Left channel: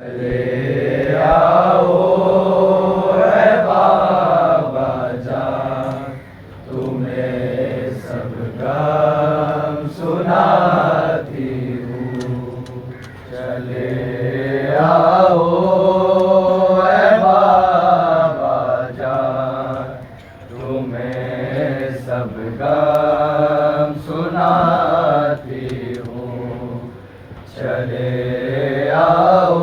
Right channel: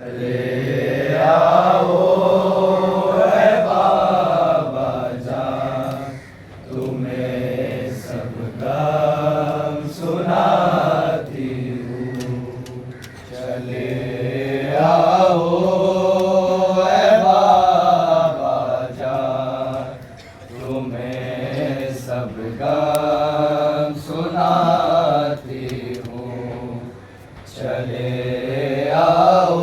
चले आओ रे बाबा जान, तुम्हें सब गम सुनाती हूँ। चले आओ रे बाबा जान, तुम्हें सब गम सुनाती हूँ। चले आओ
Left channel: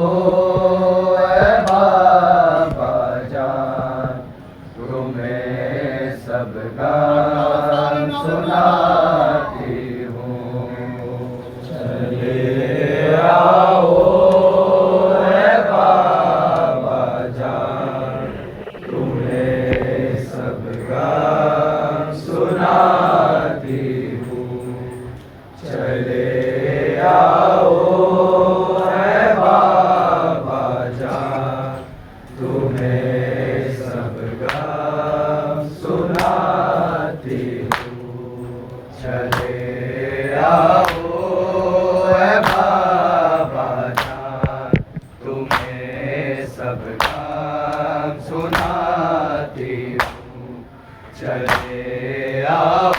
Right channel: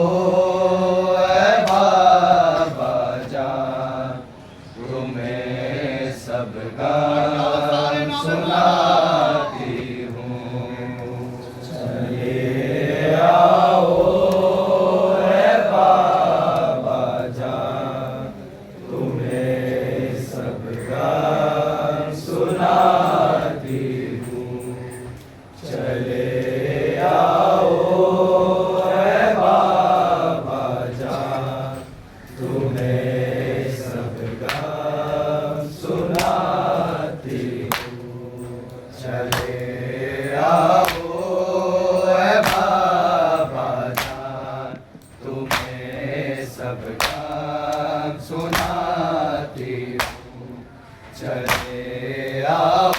सब गान सुनाती हूँ। चले आओ रे बाबा जान, तुम्हें सब गान सुनाती हूँ। चले आओ रे बाबा जान, तुम्हें सब गान सुनाती हूँ। चले आओ रे बाबा जान, तुम्हें सब गान सुनाती हूँ। चले आओ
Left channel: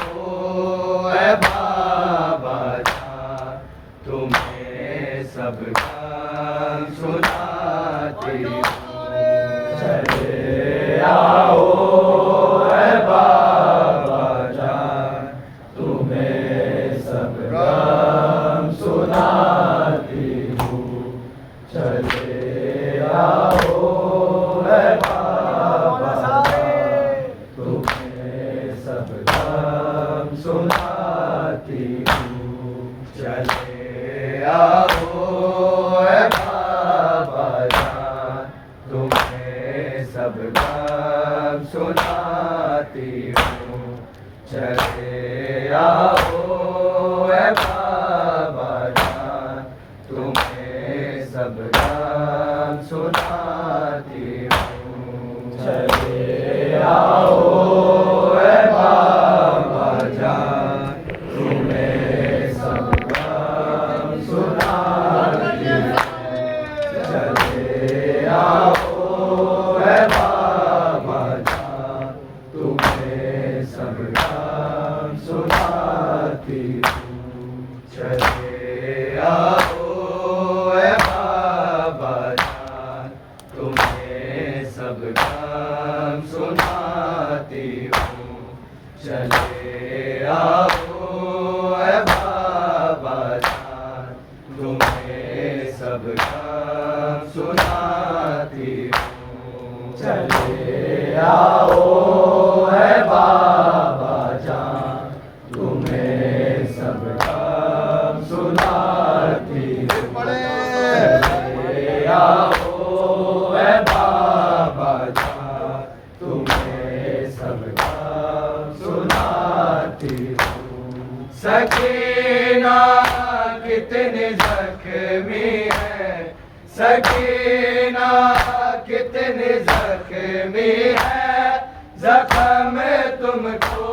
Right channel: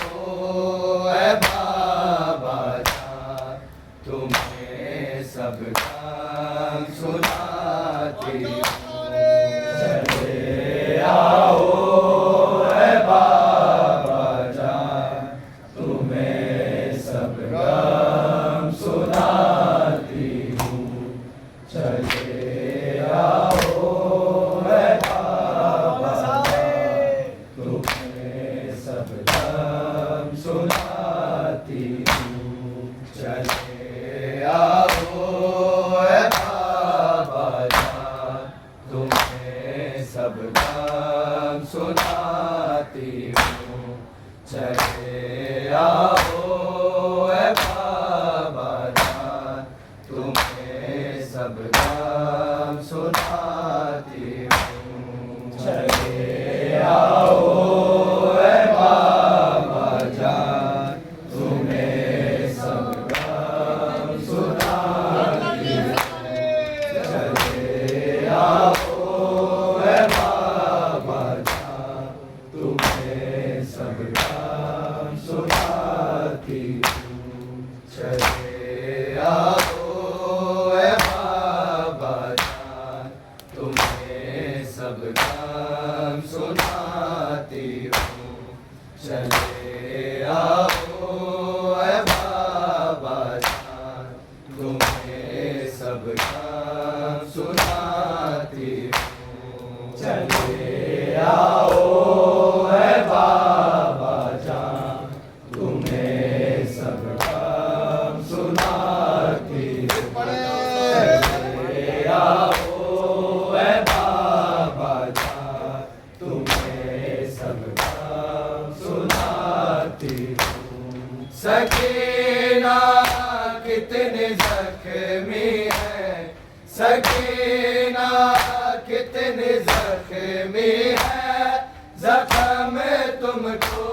रे बाबा जान, तुम्हें सब गान सुनाती हूँ। चले आओ रे बाबा जान, तुम्हें सब गम सुनाती हूँ। चले आओ रे बाबा जान, तुम्हें सब गम सुनाती हूँ। चले आओ रे बाबा जान, तुम्हें सब गम सुनाती हूँ। चले आओ रे बाबा जान, तुम्हें सब गम सुनाती हूँ। चले आओ रे बाबा जान, तुम्हें सब गम सुनाती हूँ। चले आओ रे बाबा जान, तुम्हें सब गम सुनाती हूँ। चले आओ रे बाबा जान, तुम्हें सब गम सुनाती हूँ। चले आओ रे बाबा जान, तुम्हें सब गम सुनाती हूँ। चले आओ रे बाबा जान, तुम्हें सब गम सुनाती हूँ। चले आओ रे बाबा जान, तुम्हें सब गम सुनाती हूँ। सकीना कितनी जख्मी है, सकीना कितनी जख्मी है, जख्म तुमको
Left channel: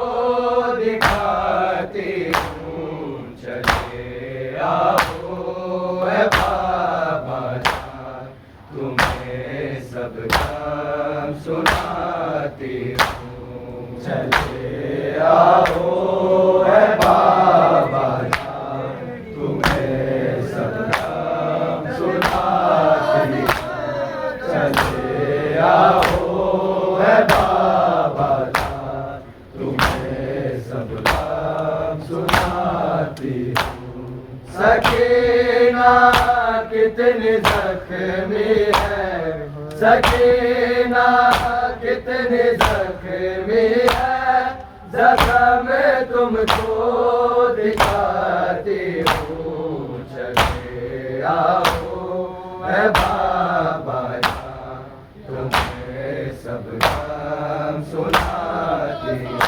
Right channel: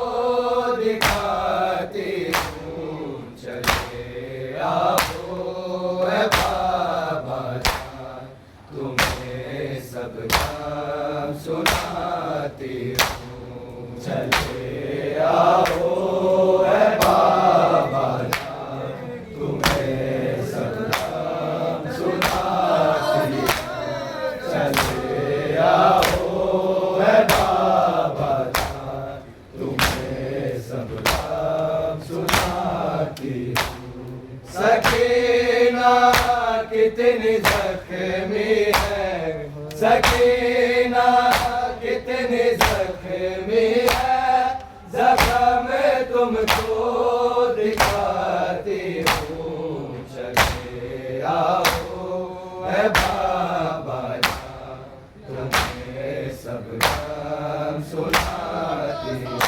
दिखाती हूँ। चले आओ रे बाबा जान, तुम्हें सब गम सुनाती हूँ। चले आओ रे बाबा जान, तुम्हें सब गम सुनाती हूँ। चले आओ रे बाबा जान, तुम्हें सब गम सुनाती हूँ। सकीना कितनी जख्मी है, सकीना कितनी जख्मी है, जख्म तुमको दिखाती हूँ। चले आओ रे बाबा जान, तुम्हें सब गम सुनाती हूँ।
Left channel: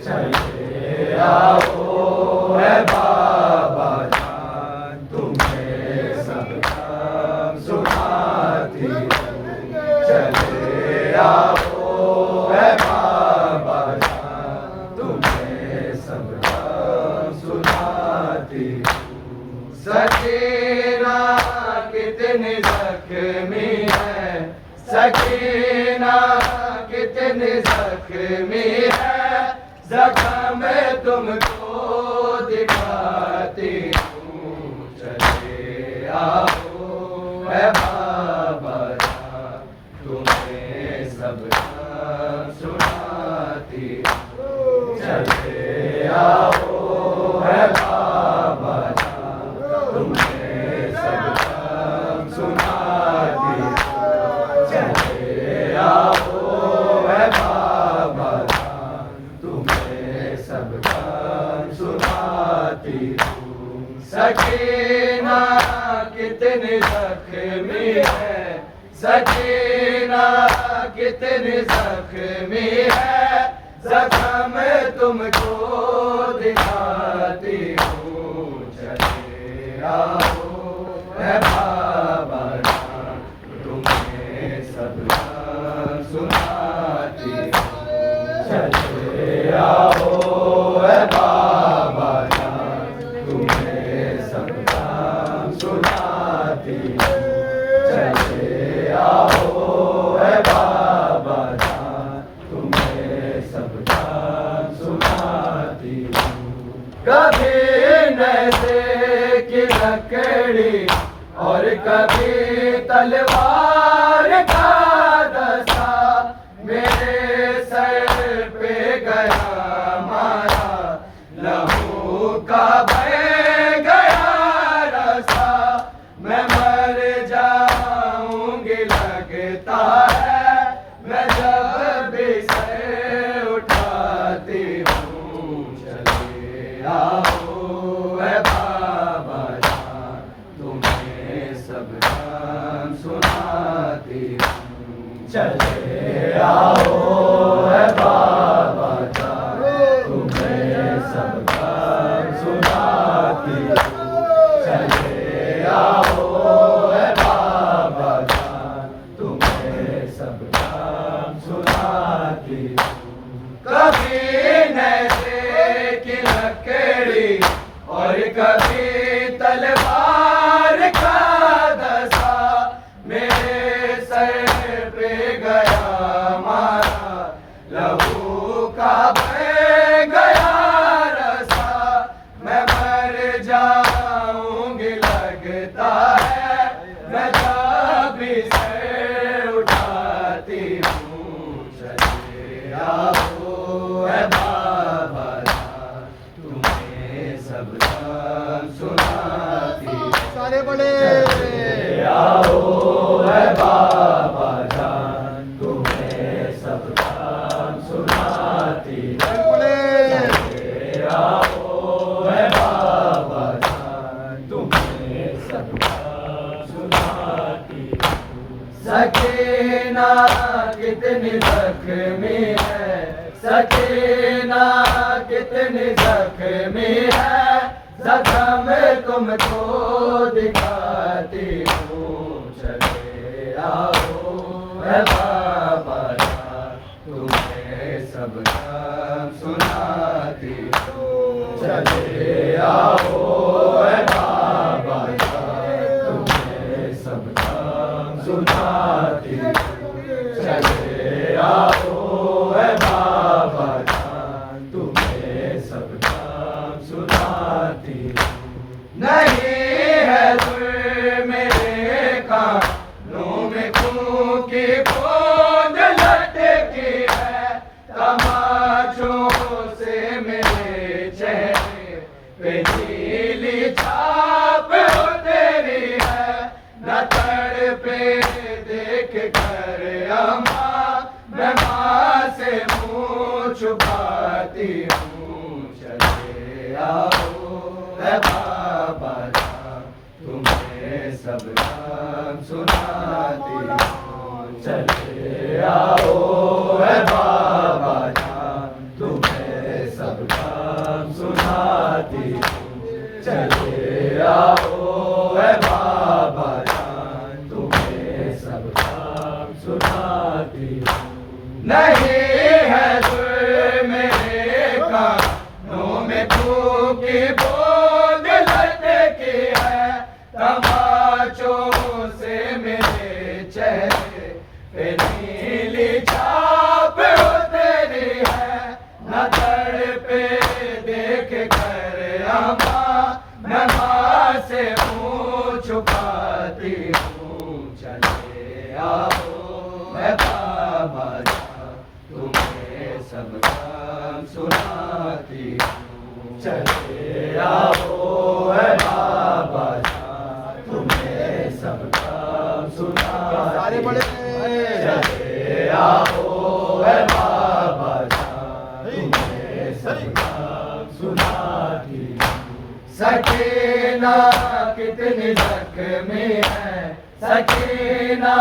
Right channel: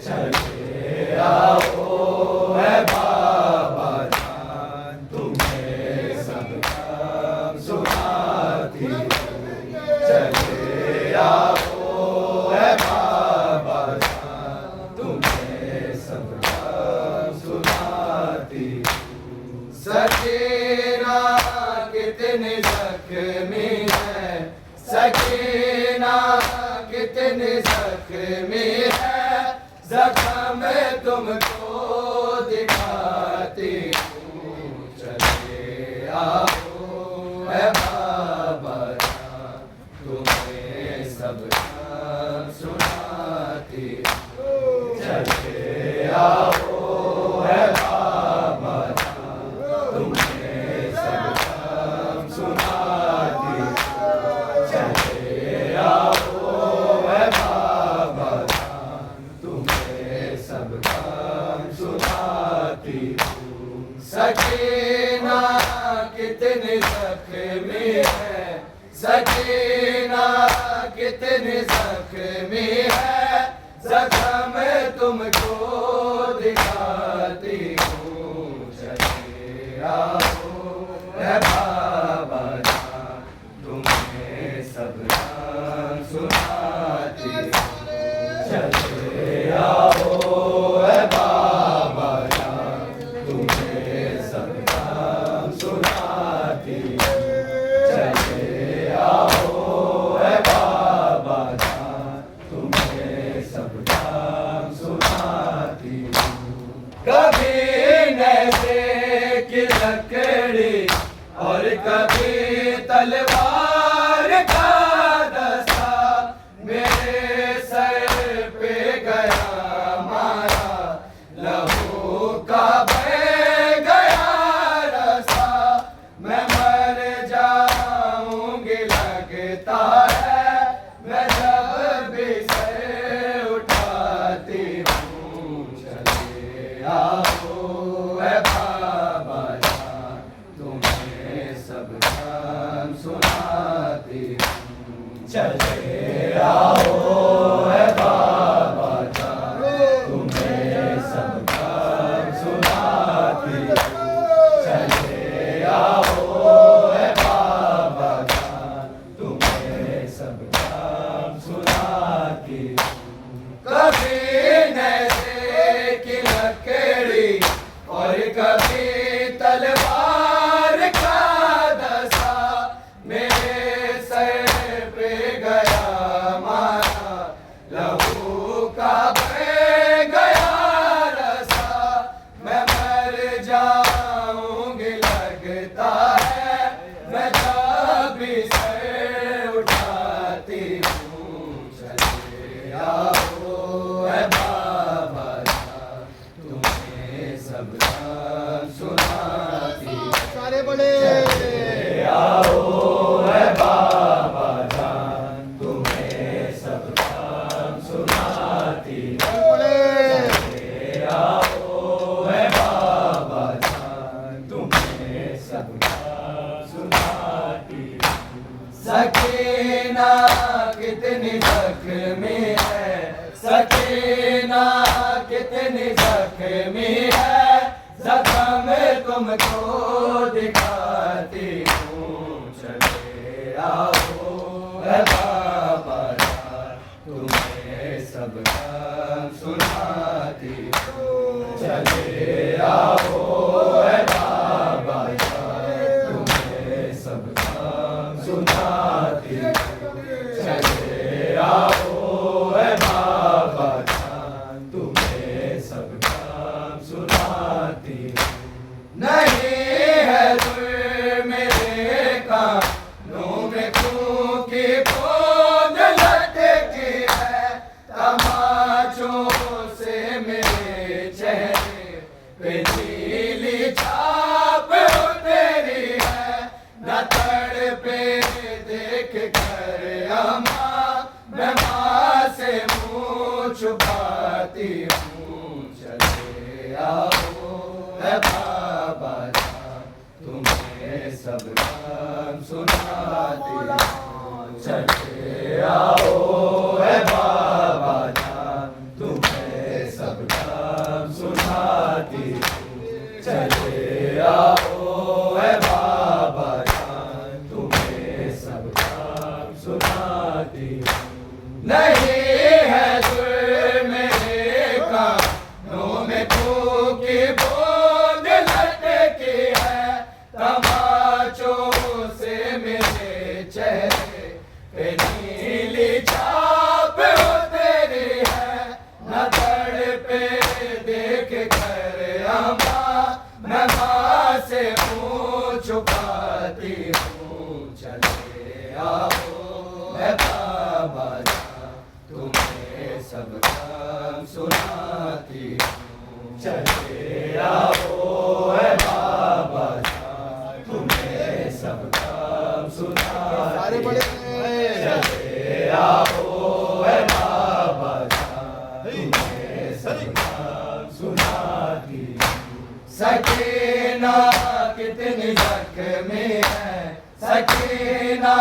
चले आओ रे बाबा जान, तुम्हें सब गम सुनाती हूँ। चले आओ रे बाबा जान, तुम्हें सब गम सुनाती हूँ। सकीना कितनी जख्मी है, सकीना कितनी जख्मी है, जख्म तुमको दिखाती हूँ, चले आओ है बाबा जान, तुम्हें सब काम सुनाती हूँ, चले आओ है बाबा जान, तुम्हें सब काम सुनाती हूँ, चले आओ है बाबा जान, तुम्हें सब काम सुनाती हूँ। सकीना कितनी जख्मी है, सकीना कितनी जख्मी है, जख्म तुमको दिखाती हूँ, चले आओ है बाबा जान, तुम्हें सब काम सुनाती हूँ, चले आओ है बाबा जान, तुम्हें सब काम सुनाती हूँ, चले आओ है बाबा जान, तुम्हें सब काम सुनाती हूँ। कभी नशे की लकड़ी और कभी तलवार का दस्ता, मेरे सर पे गया मारा, लहू का बह गया रास्ता, मैं मर जाऊंगी लगता है, मैं जब भी सर उठाती हूँ, चले आओ है बाबा जान, तुम्हें सब काम सुनाती हूँ, चले आओ है बाबा जान, तुम्हें सब काम सुनाती हूँ, चले आओ है बाबा जान, तुम्हें सब काम सुनाती हूँ। कभी नशे की लकड़ी और कभी तलवार का दस्ता, मेरे सर पे गया मारा, लहू का बह गया रास्ता, मैं मर जाऊंगी लगता है, मैं जब भी सर उठाती हूँ, चले आओ है बाबा जान, तुम्हें सब काम सुनाती हूँ, सारे बड़े चले आओ है बाबा जान, तुम्हें सब काम सुनाती हूँ, चले आओ है बाबा जान, तुम्हें सब काम सुनाती हूँ। सकीना कितनी जख्मी है, सकीना कितनी जख्मी है, जख्म तुमको दिखाती हूँ, चले आओ है बाबा जान, तुम्हें सब काम सुनाती हूँ, चले आओ है बाबा जान, तुम्हें सब काम सुनाती हूँ, चले आओ है बाबा जान, तुम्हें सब काम सुनाती हूँ। नहीं है जुर्म मेरे कानों में क्योंकि बोझ लटकी है, तमाचों से मेरे चेहरे पे नीली छाप तेरी है, न तड़पे देख कर अम्मा, मैं माँ से मुँह छुपाती हूँ, चले आओ है बाबा जान, तुम्हें सब काम सुनाती हूँ, चले आओ है बाबा जान, तुम्हें सब काम सुनाती हूँ, चले आओ है बाबा जान, तुम्हें सब काम सुनाती हूँ। नहीं है जुर्म मेरे कानों में क्योंकि बोझ लटकी है, तमाचों से मेरे चेहरे पे नीली छाप हो तेरी है, न तड़पे देख कर अम्मा, मैं माँ से मुँह छुपाती हूँ। चले आओ मैं बाबा जान, तुम्हें सब काम सुनाती हूँ। चले आओ मैं बाबा जान, तुम्हें सब काम सुनाती हूँ। चले आओ मैं बाबा जान, तुम्हें सब काम सुनाती हूँ। सकीना कितनी जख्मी है, सकीना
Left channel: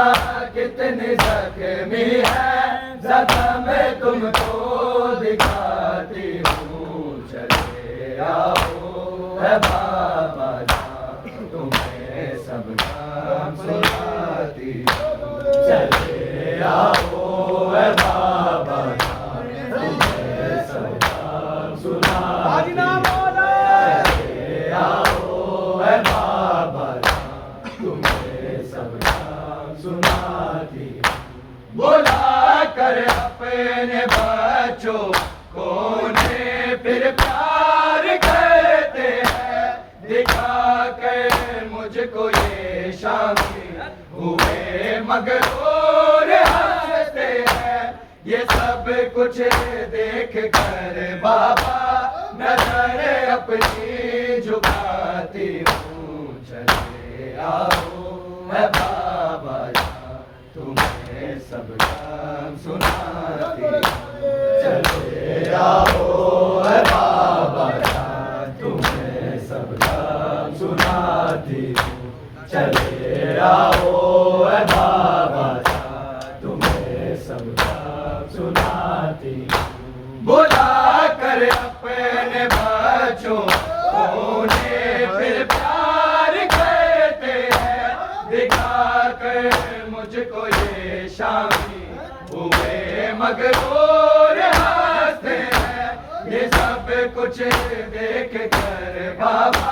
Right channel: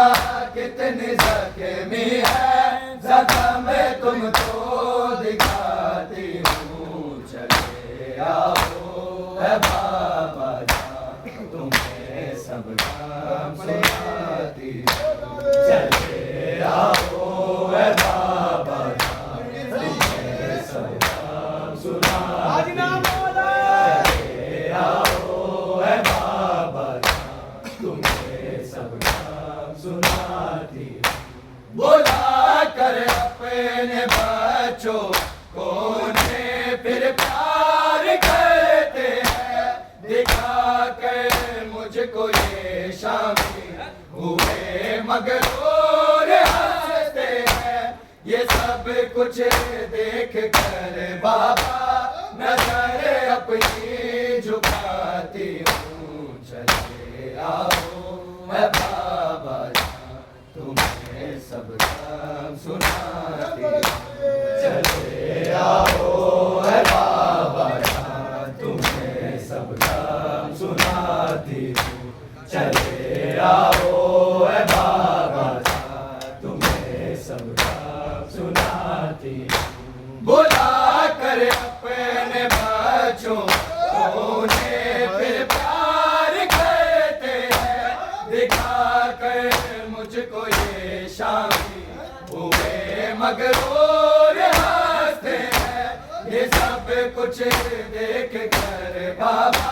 कितनी जख्मी है, जख्म में तुमको दिखाती हूँ। चले आओ है बाबा जान, तुम्हें सब काम सुनाती हूँ। चले आओ है बाबा जान, तुम्हें सब काम सुनाती हूँ। आओ है बाबा जान, तुम्हें सब काम सुनाती हूँ। बुला कर अपने बच्चों को उन्हें फिर प्यार कहते हैं, दिखा कर मुझको ये शामी हुए मगरूर हंसते हैं। ये सब कुछ देख कर बाबा नजर अपनी झुकाती हूँ। चले आओ है बाबा जान, तुम्हें सब काम सुनाती हूँ। चले आओ है बाबा जान, तुम्हें सब काम सुनाती हूँ। चले आओ है बाबा जान, तुम्हें सब काम सुनाती हूँ। बुला कर अपने बच्चों उन्हें फिर प्यार कहते हैं, दिखा कर मुझको ये शामी हुए मगरूर हंसते हैं। ये सब कुछ देख कर बाबा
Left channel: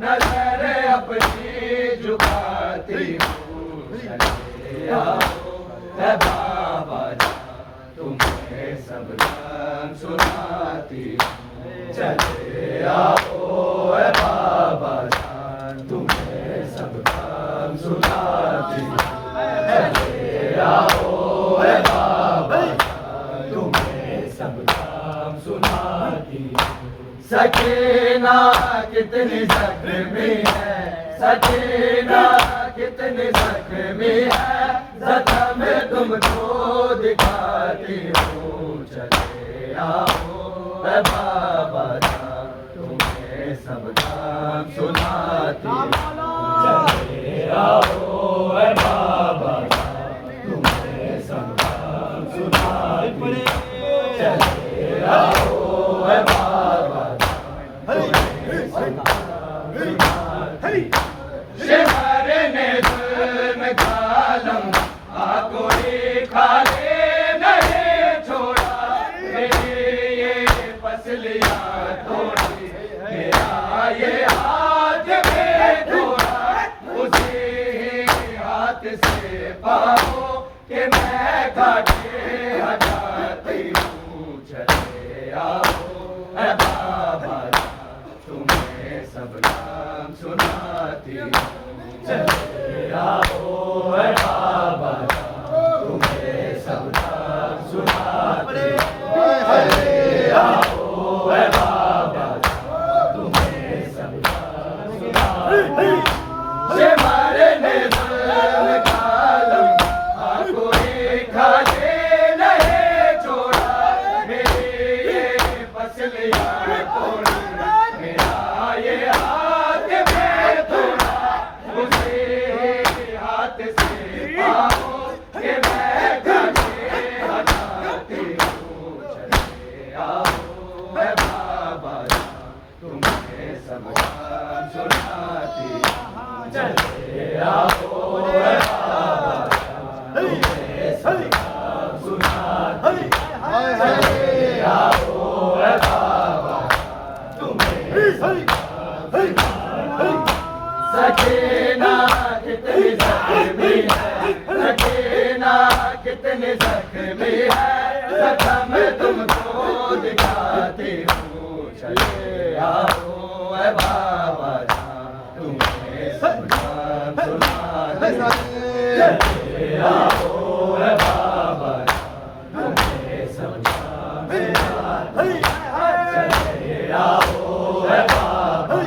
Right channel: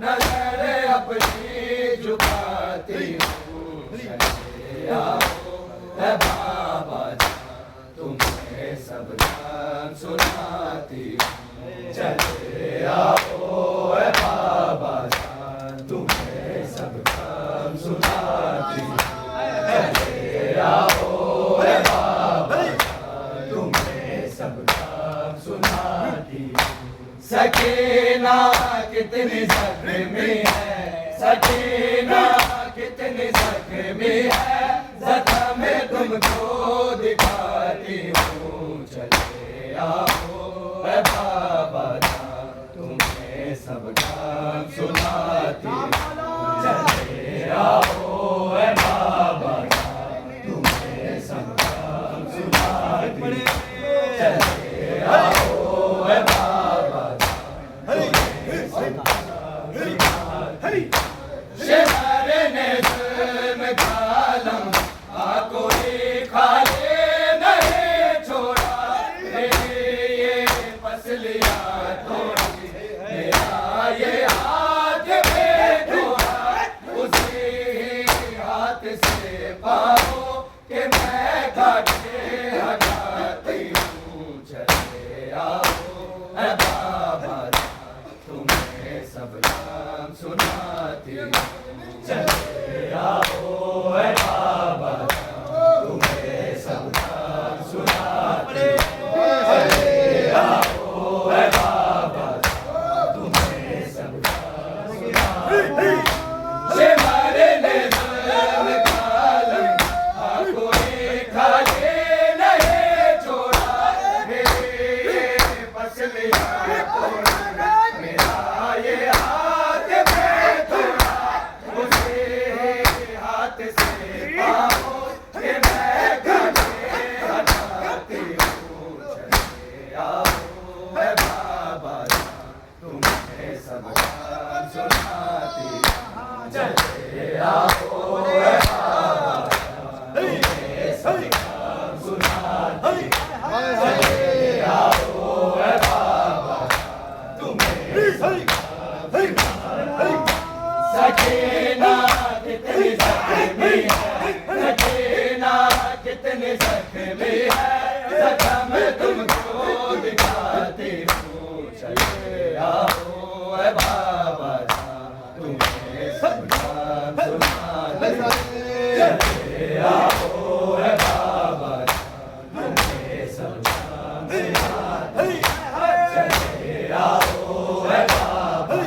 नजर अपनी झुकाती हूँ। चले आओ है बाबा जान, तुम्हें सब काम सुनाती हूँ। चले आओ है बाबा जान, तुम्हें सब काम सुनाती हूँ। चले आओ है बाबा जान, तुम्हें सब काम सुनाती हूँ। सकीना कितनी जख्मी है, सकीना कितनी जख्मी है, जख्म में तुमको दिखाती हूँ। चले आओ है बाबा जान, तुम्हें सब काम सुनाती हूँ। चले आओ है बाबा जान, तुम्हें सब काम सुनाती हूँ। चले आओ है बाबा जान, तुम्हें सब काम सुनाती हूँ। शिवर ने जुल्म कालम कोई खाली नहीं छोड़ा, मेरी ये पसलियाँ तोड़ी, मेरा ये हाथ में तोड़ा। उसी हाथ से पाओ कि मैं काटे हटाती हूँ। चले आओ है बाबा जान, तुम्हें सब काम सुनाती हूँ। चले आओ है बाबा जान, तुम्हें सब काम सुनाती हूँ। चले आओ है बाबा जान, तुम्हें सब काम सुनाती हूँ। शिवर ने जुल्म कालम कोई खाली नहीं छोड़ा, मेरी ये पसलियाँ तोड़ी, मेरा ये हाथ में तोड़ा। चले आओ है बाबा तुम्हें सब नाम सुनाते चले आओ है बाबा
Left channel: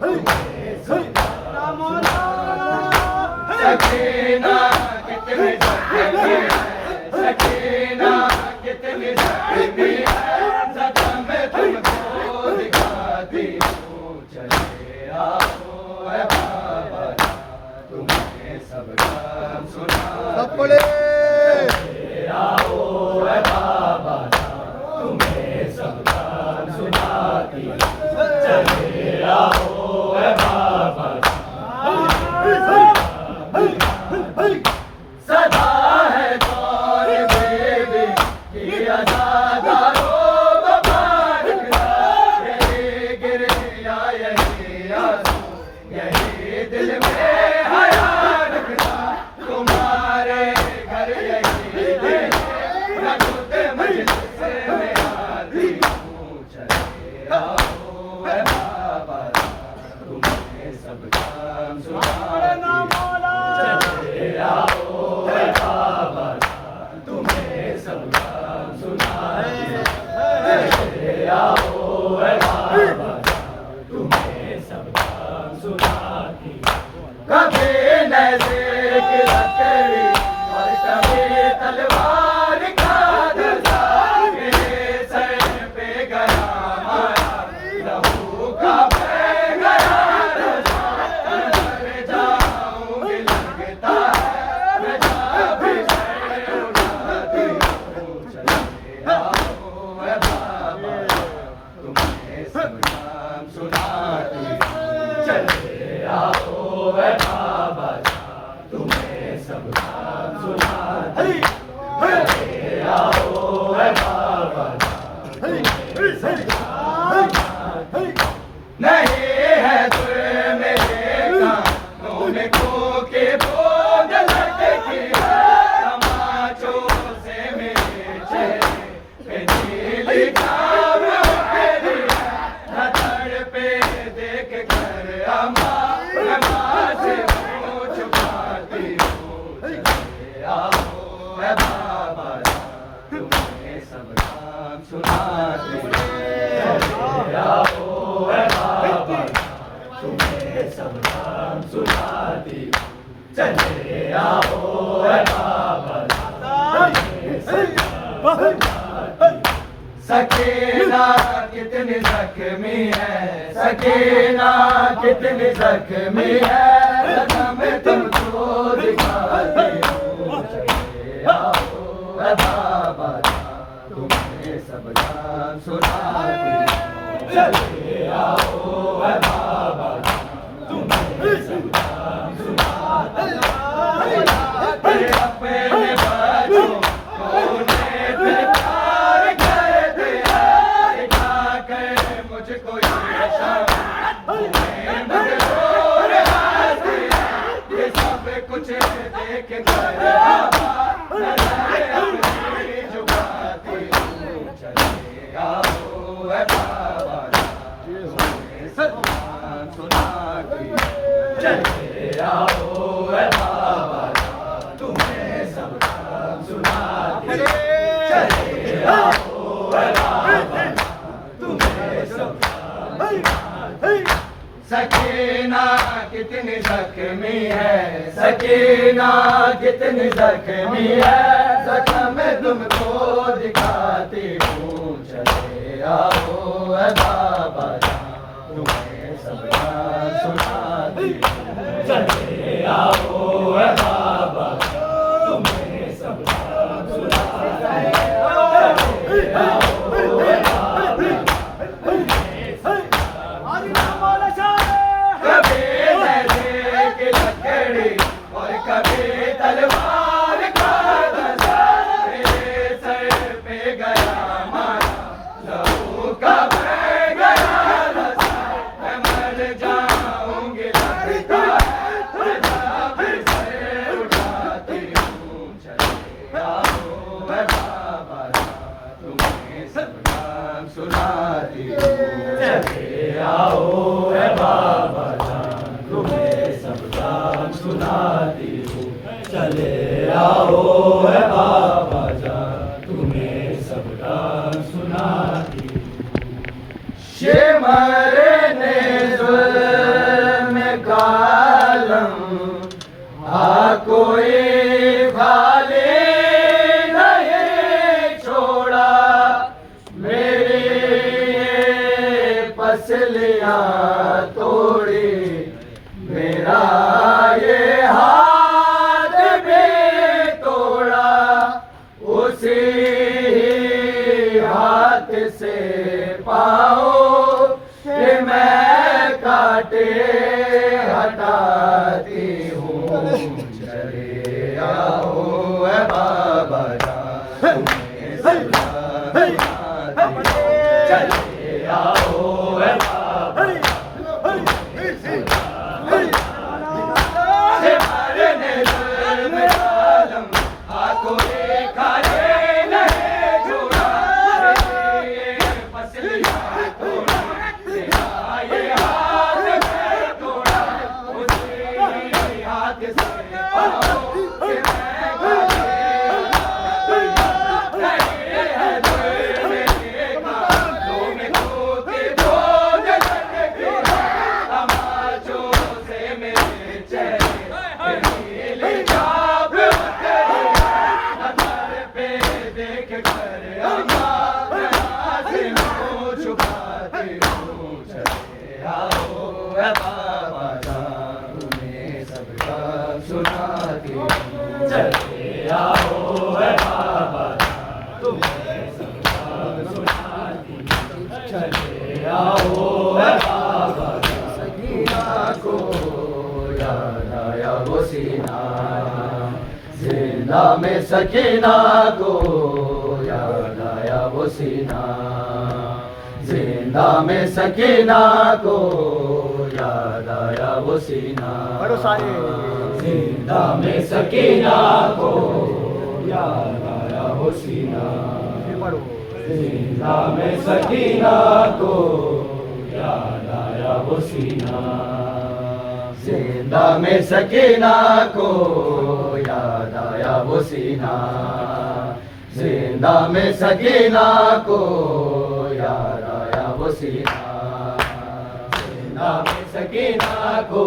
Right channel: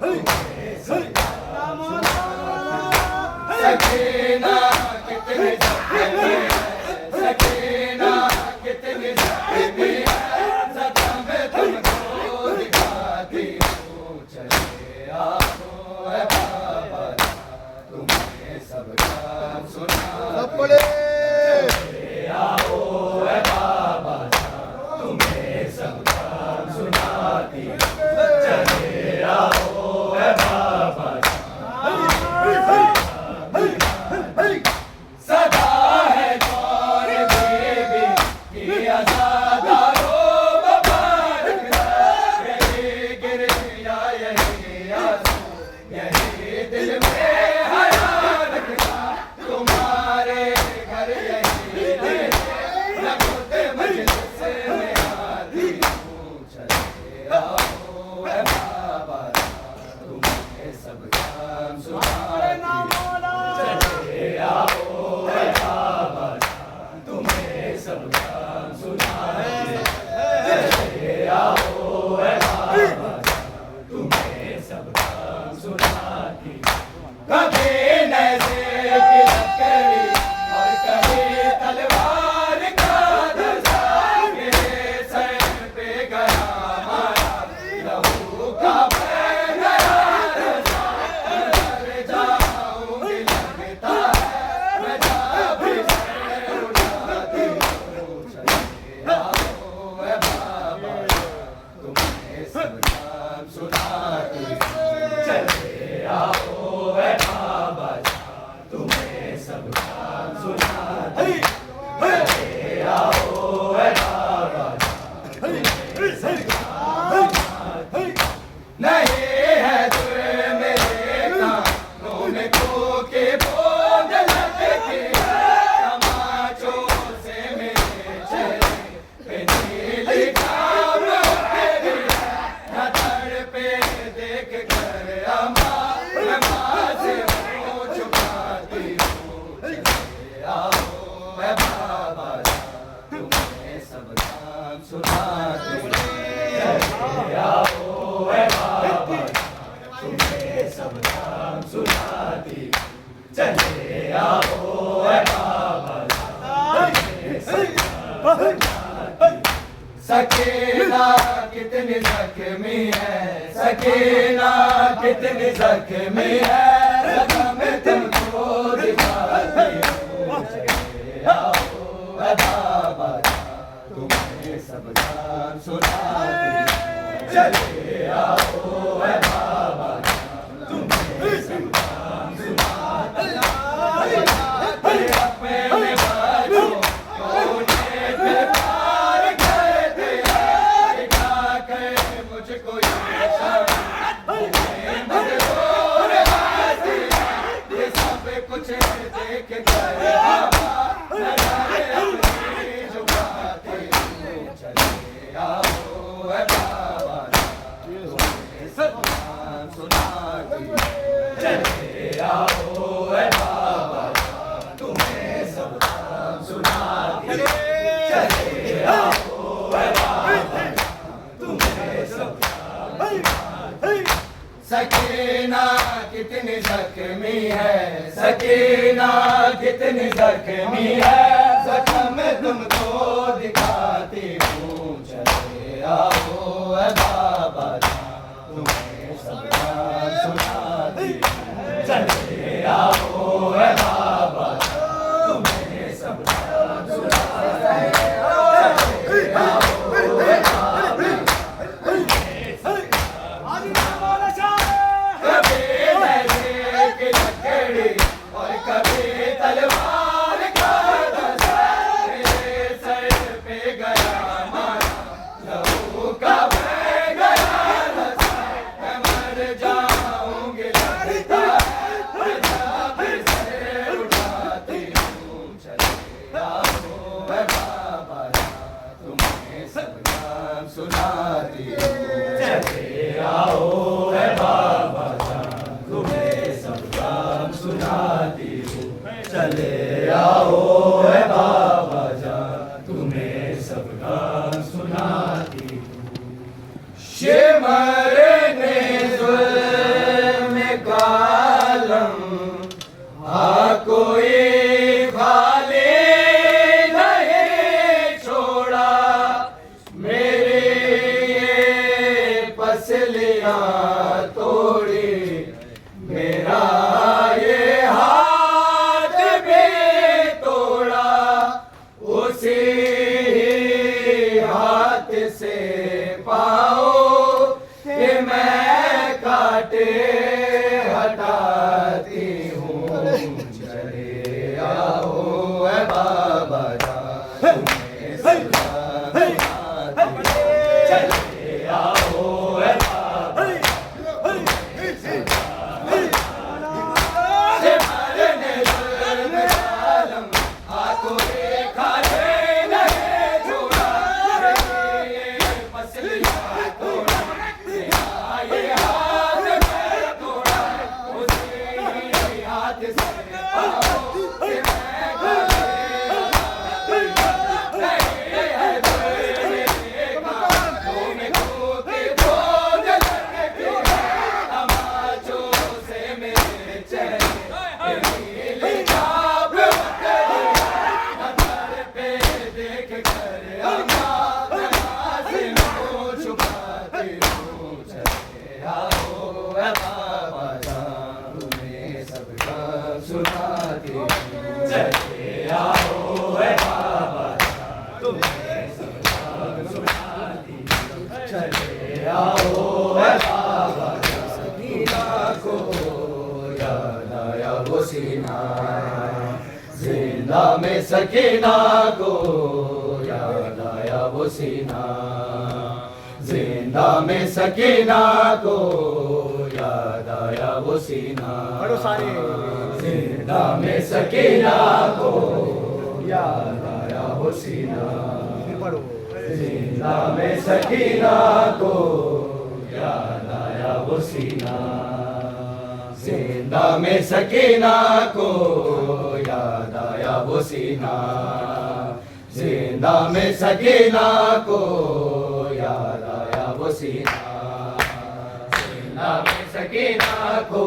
तुम्हें सब नाम सुनाते सकीना कितनी जख्मी है सकीना कितनी जख्मी है जख्म तुमको दिखाती हूँ चले आओ है बाबा तुम्हें सब नाम सुनाते चले आओ है बाबा तुम्हें सब नाम सुनाती चले आओ है बाबा सदा है दौर बेबी की आज़ादारो मुबारक यही गिरिया यही आंसू यही दिल में हरा रखना तुम्हारे घर यही दिल मैं खुद मजलिस में आती हूँ चले आओ है बाबा तुम्हें सब काम सुनाती चले आओ है बाबा तुम्हें सब काम सुनाती चले आओ है बाबा तुम्हें सब काम सुनाती कभी नज़र की लकड़ी और कभी तलवार का धज़ा मेरे सर पे गया हमारा लहू का बह गया रज़ा मर जाऊंगी लगता है मैं जब भी सर उठाती हूँ चले आओ है बाबा तुम्हें सब नाम सुनाती चले आओ है बाबा तुम्हें सब नाम सुनाती चले आओ है बाबा तुम्हें सब नाम सुनाती नहीं है तुम मेरे कानों में कोके बोझ लटके तमाचों से मेरे चेहरे पे नीली छाव तेरी न तड़पे देख कर अम्मा मैं माँ से मुँह छुपाती हूँ चले आओ है बाबा तुम्हें सब काम सुनाती चले आओ है बाबा तुम्हें सब काम सुनाती चले आओ है बाबा तुम्हें सब काम सुनाती सकीना कितनी जख्मी है सकीना कितनी जख्मी है जख्म तुमको दिखाती हूँ चले आओ है बाबा तुम्हें सब नाम सुनाती चले आओ है बाबा तुम्हें सब नाम सुनाती अपने बच्चों को उन्हें प्यार करते दिखाकर मुझको ये मजबूर हंसी ये सब कुछ देख कर मैं अपनी जुबाती हूँ चले आओ है बाबा तुम्हें सब नाम सुनाती चले आओ है बाबा तुम्हें सब नाम सुनाती चले आओ है बाबा तुम्हें सब नाम सुनाती सकीना कितनी जख्मी है सकीना कितनी जख्मी है जख्म तुमको दिखाती हूँ चले आओ है बाबा तुम्हें सब नाम सुनाती चले आओ है बाबा तुम्हें सब नाम सुनाती चले आओ है बाबा तुम्हें सब कभी नज़र की लकड़ी और कभी तलवार का धज़ा मेरे सर पे गया हमारा लहू का बह चले आओ है बाबा जान, तुम्हें सबका सुनाती शिमर ने जुल्म कालम आ कोई खाली नहीं छोड़ा, मेरी पसलियां तोड़ी, मेरा ये हाथ भी तोड़ा, उसी हाथ से पाओ कि मैं काटे हटाती हूँ। चले आओ है बाबा जान, तुम्हें सुनाती, चले आओ है बाबा सुनाती, चले आओ है बाबा तुम्हें सबका सुनाती, चले आओ है बाबा सकीना को याद आया वो सीना, जिंदा में सकीना को याद आया वो सीना, जिंदा में सकीना को याद आया वो सीना, जिंदा में सकीना को याद आया वो सीना, जिंदा में सकीना को याद आया वो सीना, जिंदा में सकीना को याद आया वो सीना, जिंदा में सकीना को याद आया वो सीना, जिंदा में सकीना को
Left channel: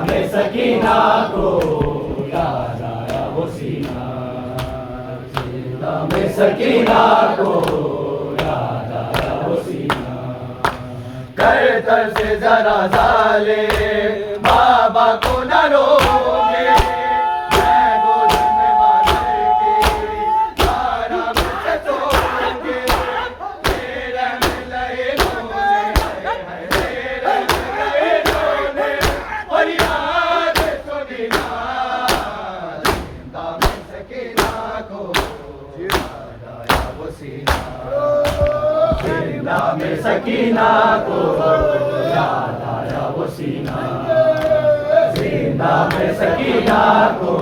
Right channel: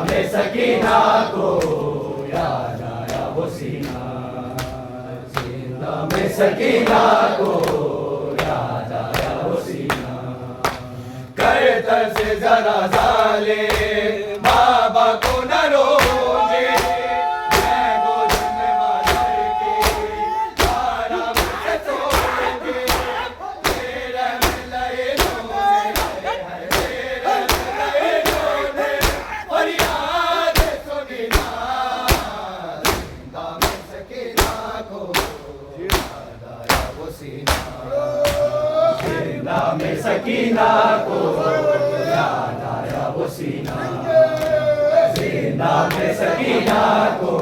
में सकीना को याद आया वो सीना, जिंदा में सकीना को याद आया वो सीना, करतर से जरा साले बाबा को न रोगे, मैं गोद में मादर के तारा में सोऊंगी, तेरे में लहे रोने तेरे में लहे रोने और याद सुनीना, जिंदा में सकीना को याद आया वो सीना, जिंदा में सकीना को याद आया वो सीना, जिंदा में सकीना को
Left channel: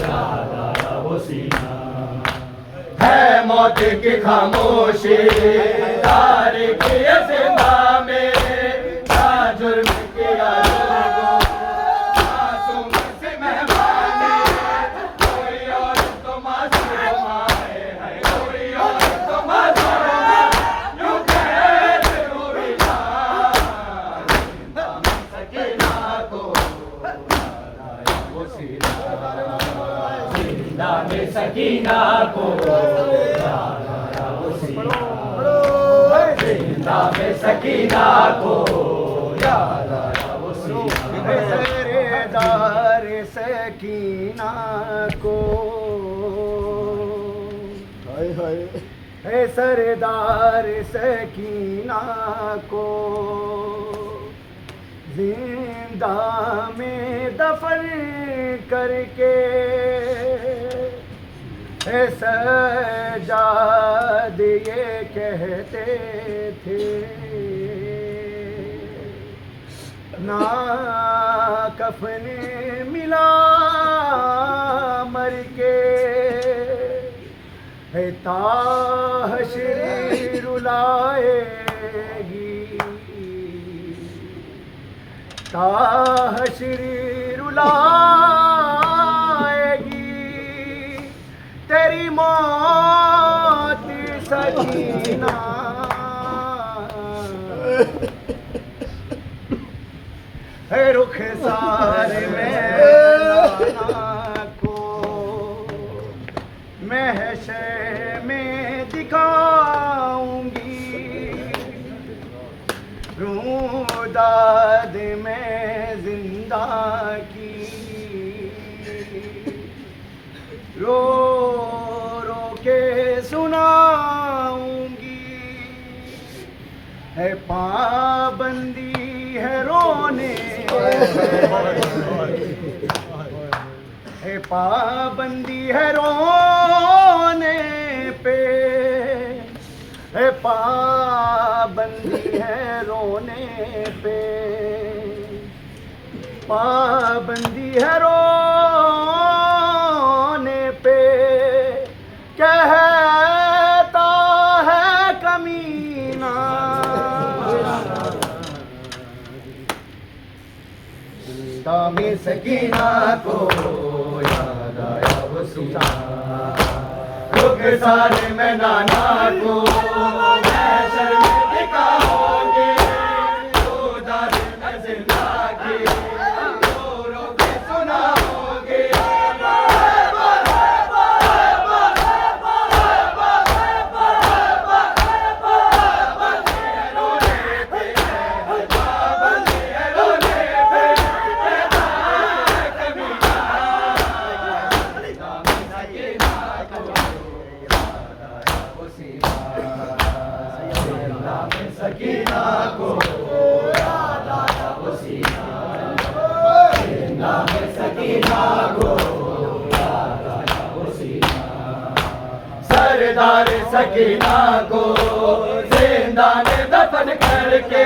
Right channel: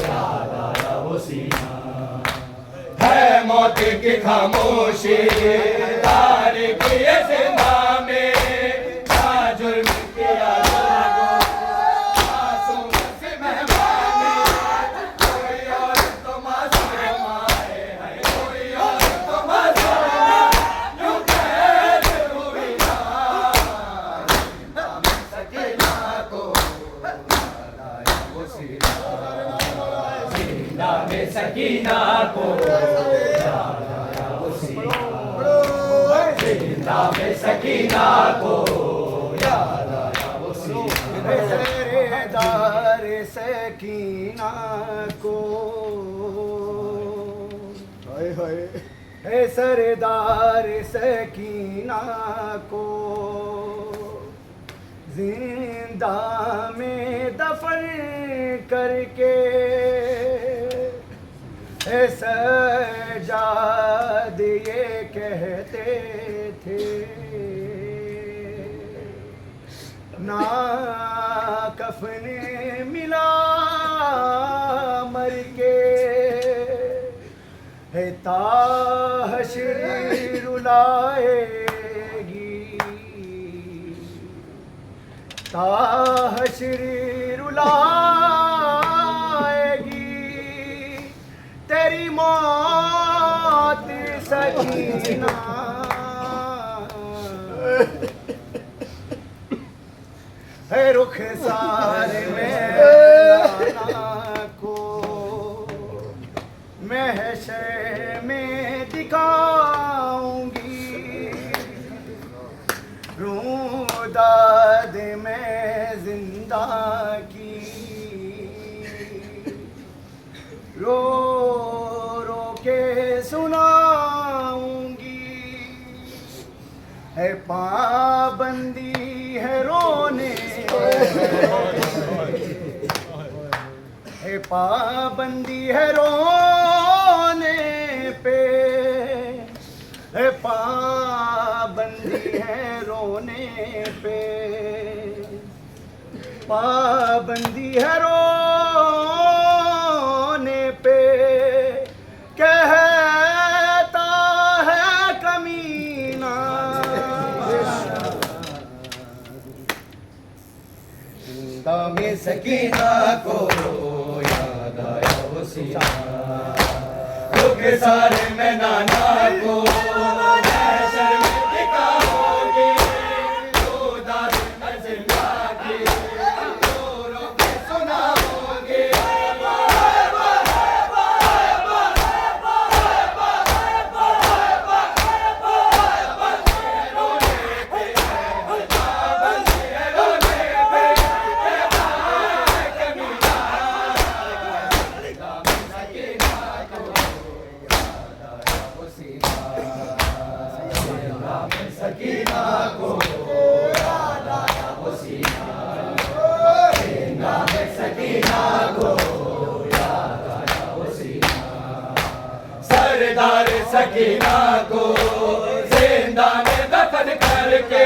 याद आया वो सीना, है मौत की खामोशी तारीख ये जिंदा में, क्या जुर्म किया लोगों मासूम से मेहमानी, कोई और तो मासूम आए हैं, कोई और तो मासूम यूं कैद हुई ना, जिंदा में सकीना को याद आया वो सीना, जिंदा में सकीना को याद आया वो सीना, जिंदा में सकीना को याद आया वो सीना, सरदार सकीना को, हाय हाय, है सरदार सकीना को, जिंदा में दफन करके सजाद ये कहते थे ना कफन मिला मर के ताहशर रुलाएगी ताहशर रुलाएगी तेरी मौत सकीना है रुख सारे में को महशर में दिखाऊंगी रूदाद में जिंदा की रो रो के सुनाऊंगी है पाबंदी है रोने है पाबंदी है रोने पे है पाबंदी है रोने पे पाबंदी है रोने पे कहता है कमीना में सकीना को याद आया वो सीना रुख सारे में नाना को महशर में दिखाओगे रूदाद में जिंदा की रो रो के सुनाओगे सकीना को याद आया वो सीना जिंदा में सकीना को याद आया वो सीना सरदार सकीना को जिंदा में दफन करके